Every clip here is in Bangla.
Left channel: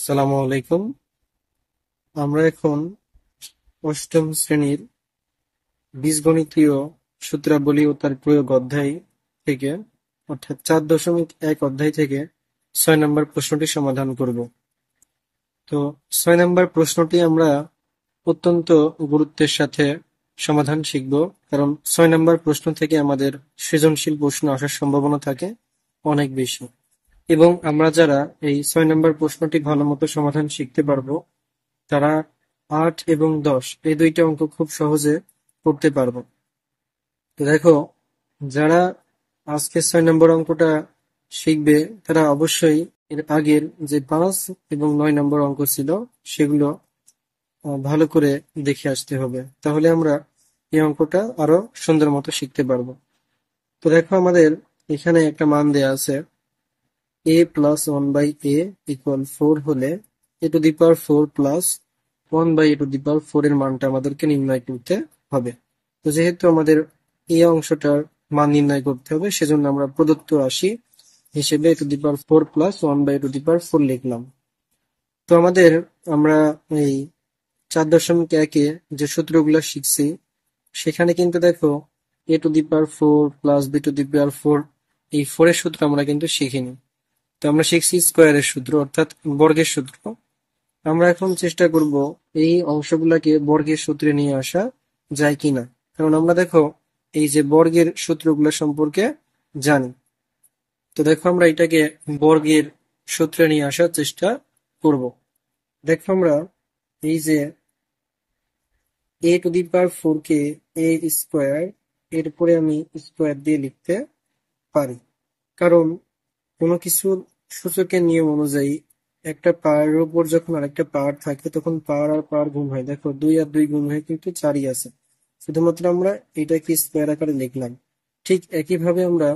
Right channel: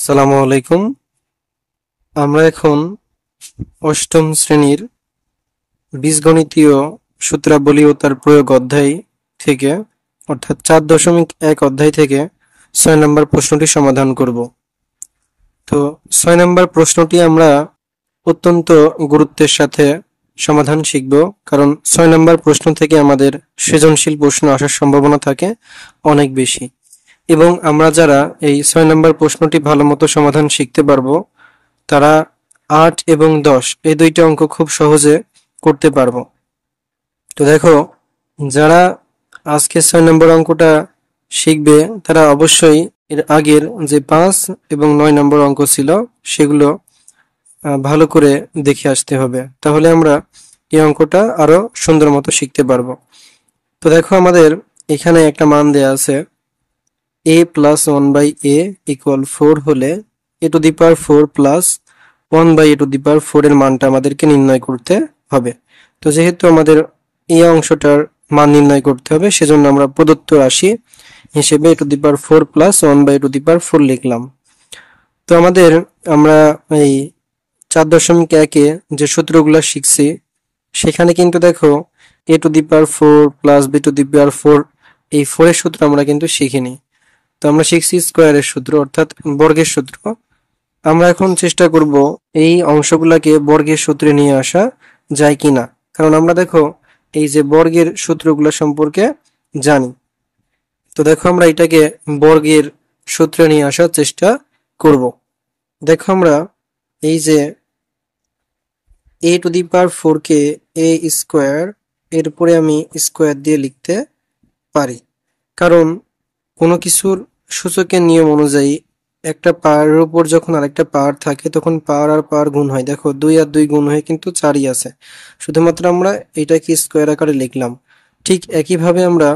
আসসালামু আলাইকুম। আমরা এখন অষ্টম শ্রেণীর বীজগণিতীয় সূত্রাবলী ও তার প্রয়োগ অধ্যায় থেকে অর্থাৎ 4.1 অধ্যায় থেকে 6 নম্বর প্রশ্নটি সমাধান করব। তো 6 নম্বর প্রশ্নটি আমরা অত্যন্ত গুরুত্বের সাথে সমাধান শিখব, কারণ 6 নম্বর প্রশ্ন থেকে আমাদের সৃজনশীল প্রশ্ন আসার সম্ভাবনা থাকে অনেক বেশি। এবং আমরা যারা এই 6 নম্বর প্রশ্নটি ভালো মতো সমাধান শিখতে পারবো, তারা 8 এবং 10 এই দুইটা অঙ্ক খুব সহজে করতে পারবো। তো দেখো, যারা আজকে 6 নম্বর অঙ্কটা শিখবে তারা অবশ্যই এর আগের যে 5 এবং 9 নম্বর অঙ্ক ছিল সেগুলো ভালো করে দেখে আসতে হবে, তাহলে আমরা এই অঙ্কটা আরো সুন্দর মতো শিখতে পারবো। তো দেখো, আমাদের এখানে একটা মান দেয়া আছে, a প্লাস 1/a ইকুয়াল 4 হলে a to the power 4 plus 1/a to the power 4 এর মানটা আমাদেরকে নির্ণয় করতে হবে। তো যেহেতু আমাদের এই অংশটার মান নির্ণয় করতে হবে, সেজন্য আমরা প্রদত্ত রাশি হিসেবে a to the power 4 plus 1/a to the power 4 লিখলাম। তো আমরা এই 4.1-এ যে সূত্রগুলো শিখছি সেখানে কিন্তু দেখো a to the power 4 plus b to the power 4, এই 4 এর সূত্র আমরা কিন্তু শিখিনি। তো আমরা শিখছি স্কোয়ারের সূত্র অর্থাৎ বর্গের সূত্র। আমরা এখন চেষ্টা করব এই অংশগুলাকে বর্গের সূত্রে নিয়ে আসা যায় কিনা, কারণ আমরা দেখো এই যে বর্গের সূত্রগুলো সম্পর্কে জানি। তো দেখো, আমরা এটাকে বর্গের সূত্রে নিয়ে আসার চেষ্টা করব। দেখো, আমরা এই যে a to the power 4 K a square এরপরে আমি স্কোয়ার দিয়ে লিখতে পারি, কারণ কোনো কিছুর সূচকের নিয়ম অনুযায়ী একটা পাওয়ারের উপর যখন আরেকটা পাওয়ার থাকে তখন পাওয়ার আর পাওয়ার গুণ হয়। দেখো, 2 আর 2 গুণ হয়ে কিন্তু 4ই আছে, শুধুমাত্র আমরা এটাকে স্কোয়ার আকারে লিখলাম। ঠিক একইভাবে আমরা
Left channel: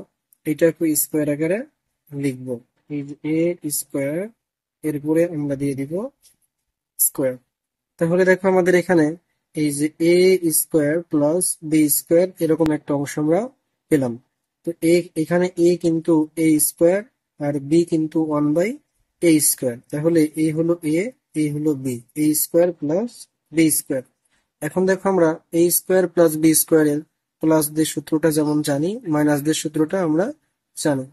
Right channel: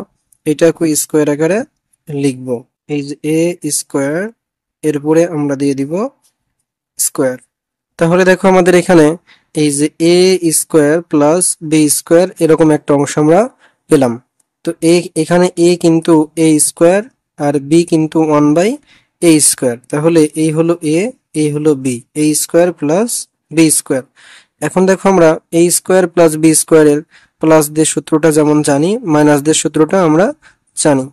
এটাকে স্কোয়ার আকারে লিখব। এই যে এ স্কোয়ার এরপরে আমরা দিয়ে দিব স্কোয়ার। তাহলে দেখো, আমাদের এখানে এই যে এ স্কোয়ার প্লাস বি স্কোয়ার এরকম একটা অংশ আমরা পেলাম। তো এখানে এ কিন্তু এ স্কোয়ার আর বি কিন্তু 1/a স্কোয়ার, তাহলে এই হলো এ, এই হলো বি, এ স্কোয়ার প্লাস বি স্কোয়ার। এখন দেখো, আমরা এ স্কোয়ার প্লাস বি স্কোয়ারের প্লাস দিয়ে সূত্রটা যেমন জানি, মাইনাস দিয়ে সূত্রটা আমরা জানি।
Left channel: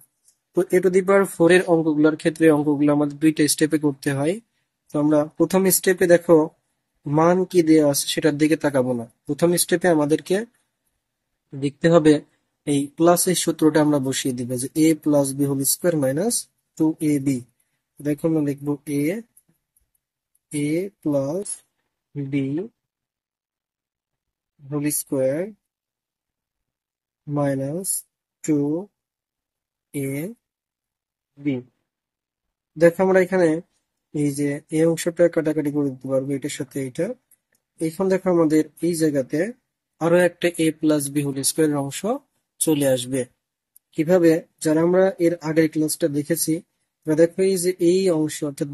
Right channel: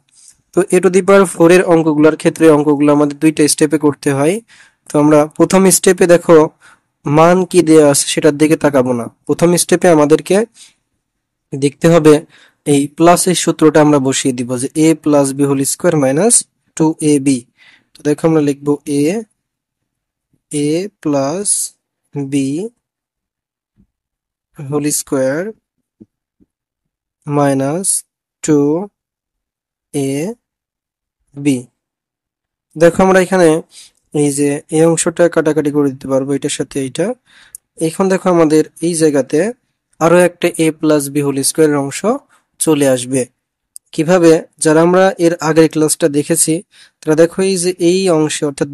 তো এ টু দি পাওয়ার 4 এর অঙ্কগুলোর ক্ষেত্রে অঙ্কগুলো আমাদের দুইটা স্টেপে করতে হয়। তো আমরা প্রথম স্টেপে দেখো মান কি দেয়া আছে সেটার দিকে তাকাবো না, প্রথম স্টেপে আমাদেরকে দেখতে হবে এই প্লাস এর সূত্রটা আমরা বসিয়ে দিব, যে a plus B whole square minus 2ab। তো দেখো, আমরা লিখবো a plus B whole square minus 2ab। দেখো, আমরা এখানে এই যে এই অংশটা কাটাকাটি করে দিতে পারবো এটার সাথে এইটা। এখন দেখো, আমাদের এই জায়গাতে আরো একটা a প্লাস বি হোল স্কোয়ারের অংশ চলে আসবে। কিভাবে? যারা আমরা এর আগের ক্লাসটা দেখেছি তারা দেখো এই যে এই অংশে অর্থাৎ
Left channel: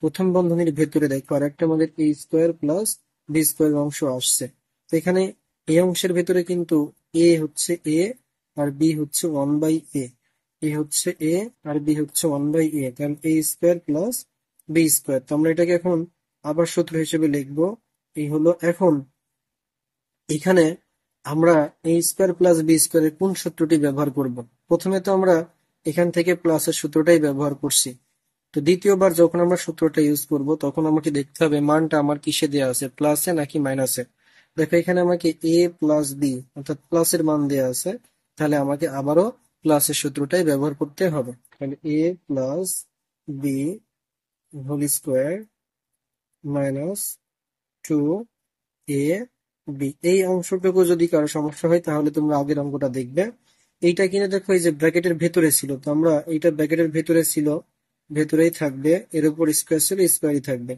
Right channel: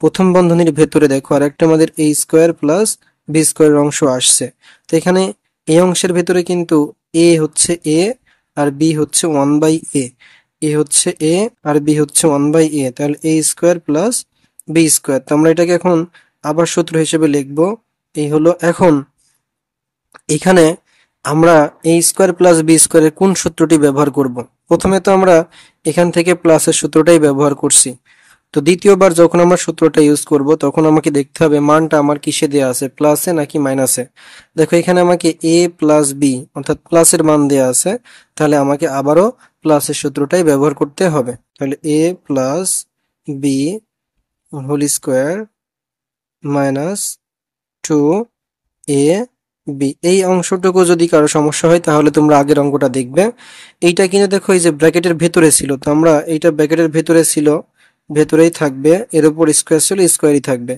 প্রথম বন্ধনীর ভেতরে দেখো আর একটা আমাদের a স্কোয়ার প্লাস বি স্কোয়ারের অংশ আসছে। তো এখানে এই অংশের ভেতরে কিন্তু a হচ্ছে a আর b হচ্ছে 1/a, a হচ্ছে a আর b হচ্ছে 1/a, তাহলে a square plus B square. তো আমরা এটাকে এখন আবার সূত্র হিসেবে লিখবো। এই হলো, এখন এখানে আমরা a স্কোয়ার প্লাস বি স্কোয়ারের কোন সূত্রটি ব্যবহার করব? প্রথমে তো আমরা এখান থেকে প্লাসের সূত্রটাই ব্যবহার করছি। তো দ্বিতীয়বার যখন আমরা সূত্রটা ইউজ করব তখন আমাকে দেখতে হবে মানটা আমার কিসে দেয়া আছে, প্লাসে নাকি মাইনাসে। দেখো, এখানে আমাকে a প্লাস বি অর্থাৎ প্লাসের মান দেয়া আছে, তাহলে আমাকে আবারও প্লাসের সূত্রটাই ব্যবহার করতে হবে। তাহলে a plus B whole square minus 2a B. এই অংশটুকু যদি কারো সমস্যা হয় তাহলে তোমরা আগের অঙ্কটা দেখবে। এইটা কিন্তু দেখো এই যে ব্র্যাকেটের ভেতরে ছিল, তো আমরা এইটা ব্র্যাকেটের ভেতরে ছিল, ভেতরেই থাকবে, এর উপর স্কোয়ার ছিল, স্কোয়ারই থাকবে।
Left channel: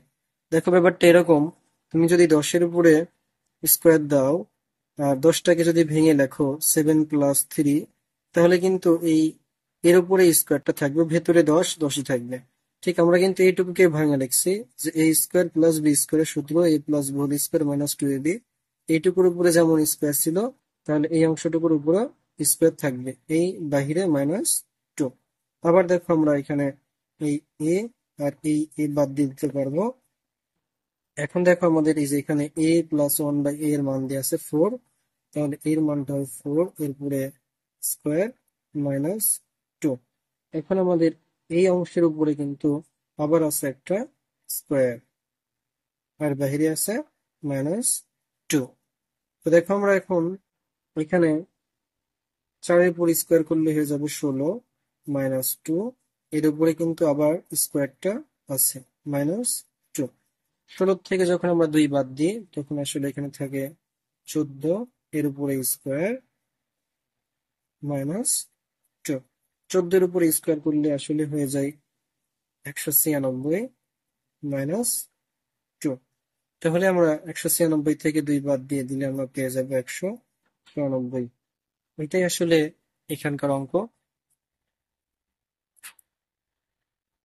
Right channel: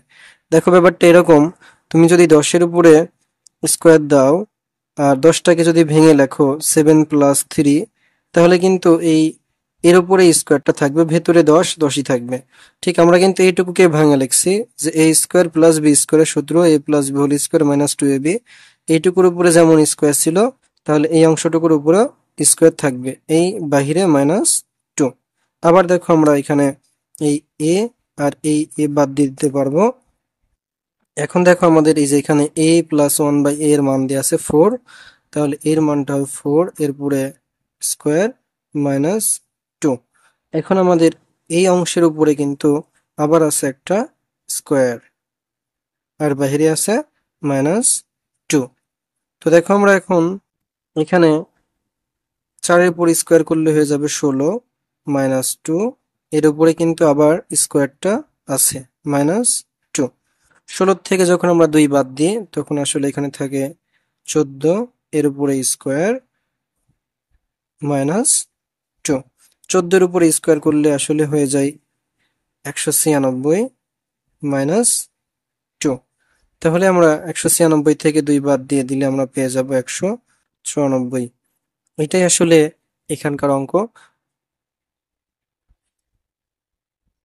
দেখো, ব্যাপারটা এরকম, তুমি যদি 10-এর উপরে স্কোয়ার দাও আর 10টাকে যদি ভেঙে লেখো 7+3, তাহলে কিন্তু এর উপরে স্কোয়ারটা থাকবে, ভেতরে 10ই থাকবে। ঠিক আমরা কিন্তু এইটুকুকে ভাঙা লিখছি, যে a স্কোয়ার প্লাস বি স্কোয়ারের সূত্র a plus B whole square minus 2ab। এইটুকুর উপরে যেমন স্কোয়ার ছিল, তাহলে এই অংশটুকুর উপরে স্কোয়ার থাকবে, এই বাহিরে -2। আবার দেখো, আমরা এখানে এই a আর এই এ বাদ দিয়ে দিতে পারবো। এখন দেখো আমাদের এই যে এখানে a plus one by a এর মান দিয়ে আছে 4, তাহলে এর মানটা হবে 4 এরপরে স্কোয়ার মাইনাস 2। এখন আমাদের এই অংশের উপরে কিন্তু আবার আছে একটা স্কোয়ার, আর বাইরে আছে -2। তো দেখো আমরা এখন এখানে 4-এর উপর স্কোয়ার করলে হয়ে যাবে 16 -2, এর উপরে কিন্তু আবার স্কোয়ারটা আছে -2। 16 থেকে যখন আমরা 2 বাদ দিই তখন আসলে এখানে থাকে 14, এর উপরে স্কোয়ার -2। 14-এর উপরে স্কোয়ার করলে আসলে হয়ে যায় 196 -2। তাহলে আমরা 196 থেকে 2 বাদ দিয়ে দিলে আমরা পেয়ে যাব 194। এটাই আসলে এখানকার অঙ্ক।